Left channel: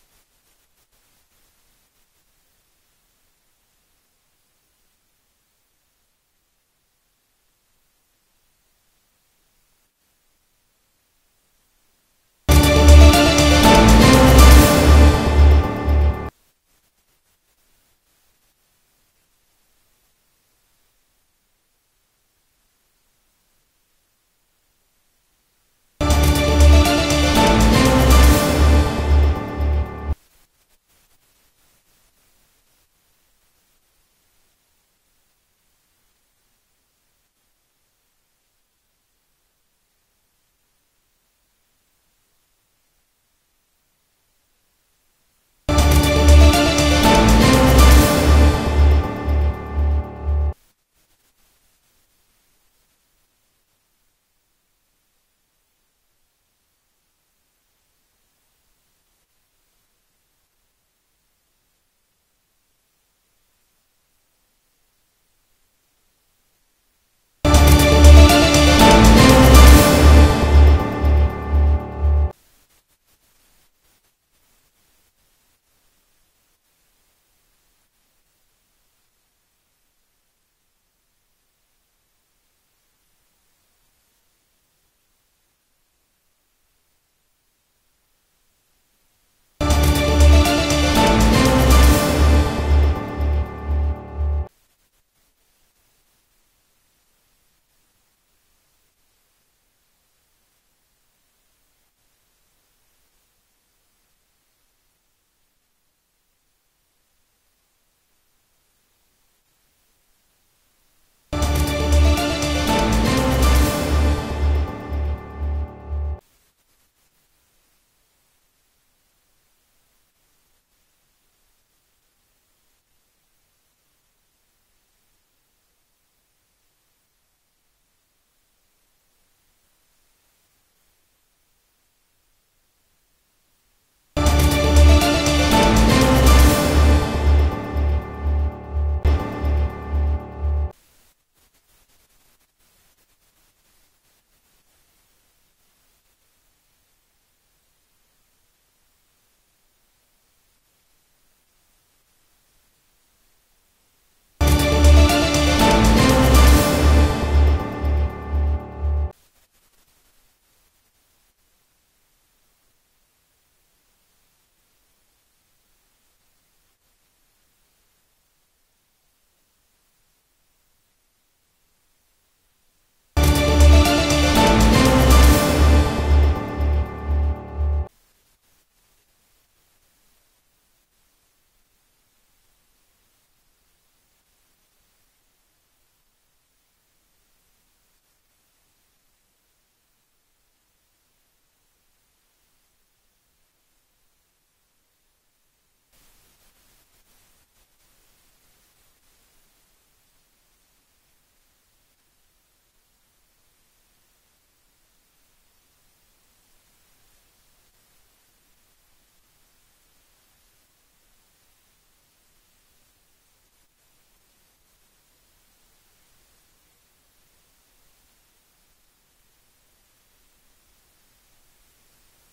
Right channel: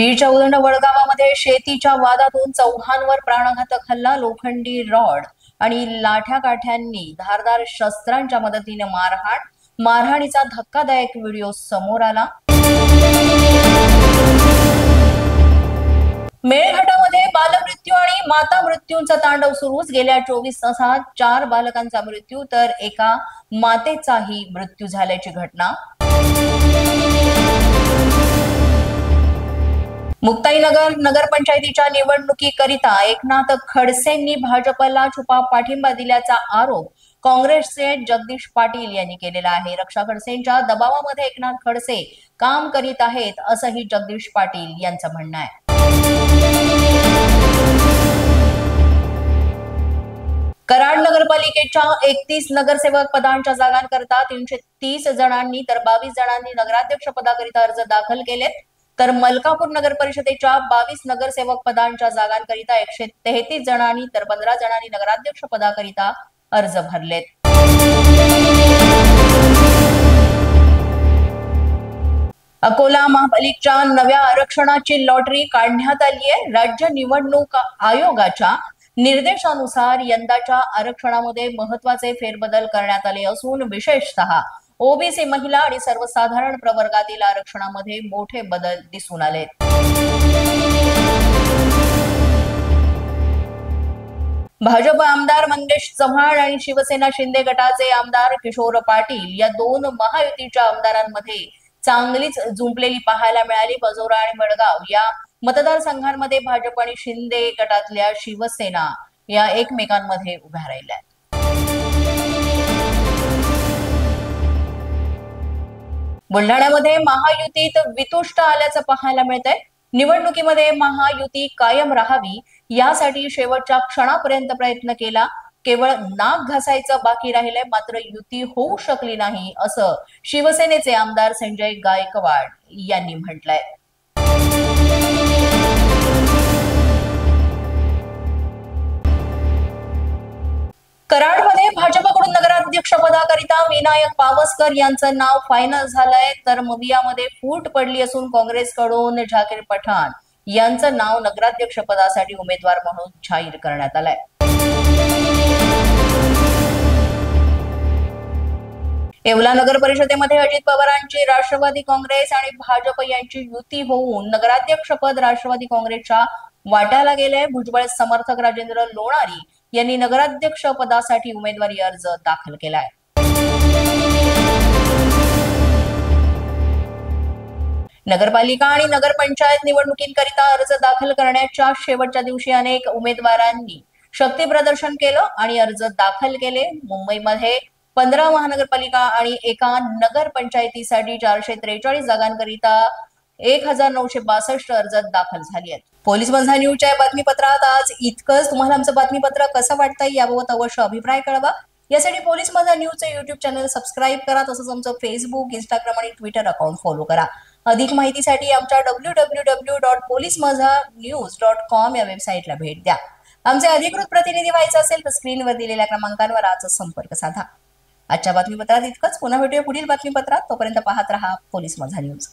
बीडच्या उदंड वडगावामध्ये शेतीच्या वादातून चौघांवर प्राणघातक हल्ला, लोखंडी रॉड आणि लाठ्याकाठ्यांनी धारदार शस्त्रांच्या मदतीने मारहाणीचा धक्कादायक व्हिडिओ समोर आला। मेळघाटामध्ये बालमृत्यू आणि माता मृत्यूंचा तांडव सुरूच। गेल्या 24 तासात 4 बालकांचा मृत्यू तर एका मातेचाही मृत्यू झाल्याची घटना। मुक्ताईनगर नगरपंचायतीच्या निवडणुकीकरिता एकनाथ खडसेंनी भाजपला छुपा पाठिंबा दिल्याचा आरोप काँग्रेसचे जगदीश पाटील यांनी केलेला आहे। रक्षा खडसेंच्या दबावामध्ये एकनाथ खडसे काम करीत आहेत असंही जगदीश पाटील यांचं म्हणणं आहे। कराड नगरपालिकेच्या 31 नगरसेवक पदांच्या जागांकरिता 330 जणांनी तर 22 जणांनी नगराध्यक्ष पदाकरिता अर्ज दाखल केलेत। तर मलकापूर नगर परिषदेच्या 22 नगरसेवक पदांच्या जागांकरिता 133 जणांनी तर 15 जणांनी नगराध्यक्ष पदाकरिता अर्ज भरलेत। अकोला महापालिकेच्या नव्या आरक्षणाची लॉटरी काढण्यात आली आहे। राज्य निवडणूक आयोगाच्या निर्देशानुसार यंदाच्या आरक्षणामध्ये महत्त्वाचे फेरबदल करण्यात आले असून विशेषतः ओबीसी महिला आणि सर्वसाधारण प्रवर्गातील आरक्षणामध्ये मोठे बदल दिसून आले। भाजप आमदार मंगेश चव्हाण आणि शिवसेना शिंदे गटाचे आमदार किशोर पाटील या दोन महायुतीच्या आमदारांमध्ये चांगलीच जुंपलेली पाहायला मिळाली। बजोरा आणि वडगाव या मतदारसंघांमध्ये भाजप आणि शिंदे गटातल्या शिवसेना या एकमेकांमध्ये उभ्या राहिल्या। बुलढाण्यामध्ये महायुतीत वितुष्ट आल्याचं पाहायला मिळतंय। निवडणुकीमध्ये महायुती कायम राहावी यासाठी शेवटच्या क्षणापर्यंत प्रयत्न केला, केवळ नाक घासायचं बाकी राहिलंय, मात्र युती होऊ शकली नाही असं शिवसेनेचे आमदार संजय गायकवाड यांनी म्हटलंय। कराडमध्ये भाजपकडून नगराध्यक्ष पदाकरिता विनायक पावसकर यांचं नाव फायनल झालंय। तर मुवियामध्ये फूट पडली असून काँग्रेसकडून झाकीर पठाण यांचं नाव नगराध्यक्ष पदासाठी उमेदवार म्हणून जाहीर करण्यात आलंय। येवला नगर परिषदेमध्ये अजित पवारांची राष्ट्रवादी काँग्रेस आणि भाजप यांची युती होऊन नगराध्यक्ष पद राष्ट्रवादी काँग्रेसच्या वाट्याला गेले। भुजबळ समर्थक राजेंद्र लोणारी यांनी नगराध्यक्ष पदासाठी उमेदवारी अर्ज दाखल केलाय। नगरपालिका आणि नगरपंचायत निवडणुकींकरिता अर्ज दाखल करण्याच्या शेवटच्या दिवशी अनेक उमेदवारांनी शक्ती प्रदर्शन केलं आणि अर्ज दाखल केले। मुंबईमध्ये 15 महानगरपालिका आणि एका नगरपंचायतीसाठी 443 जागांकरिता 1962 अर्ज दाखल झाली आहेत। पोलीस माझा न्यूजच्या बातमीपत्रात आज इतकंच। तुम्हाला आमचं बातमीपत्र कसं वाटतंय याबाबत अवश्य अभिप्राय कळवा। यासाठी पोलीस माझा न्यूजचे YouTube चॅनल सबस्क्राईब करा, तसंच आमचं फेसबुक, इंस्टाग्राम आणि ट्विटर अकाउंट फॉलो करा। अधिक माहितीसाठी आमच्या www.policemazhanews.com या वेबसाईटला भेट द्या। आमचे अधिकृत प्रतिनिधी व्हायचे असेल तर स्क्रीनवर दिलेल्या क्रमांकांवर आज संपर्क साधा। आजच्या बातमीपत्रात इतकंच। पुन्हा भेटूया पुढील बातमीपत्रात। तोपर्यंत पाहत रहा पोलीस माझा न्यूज।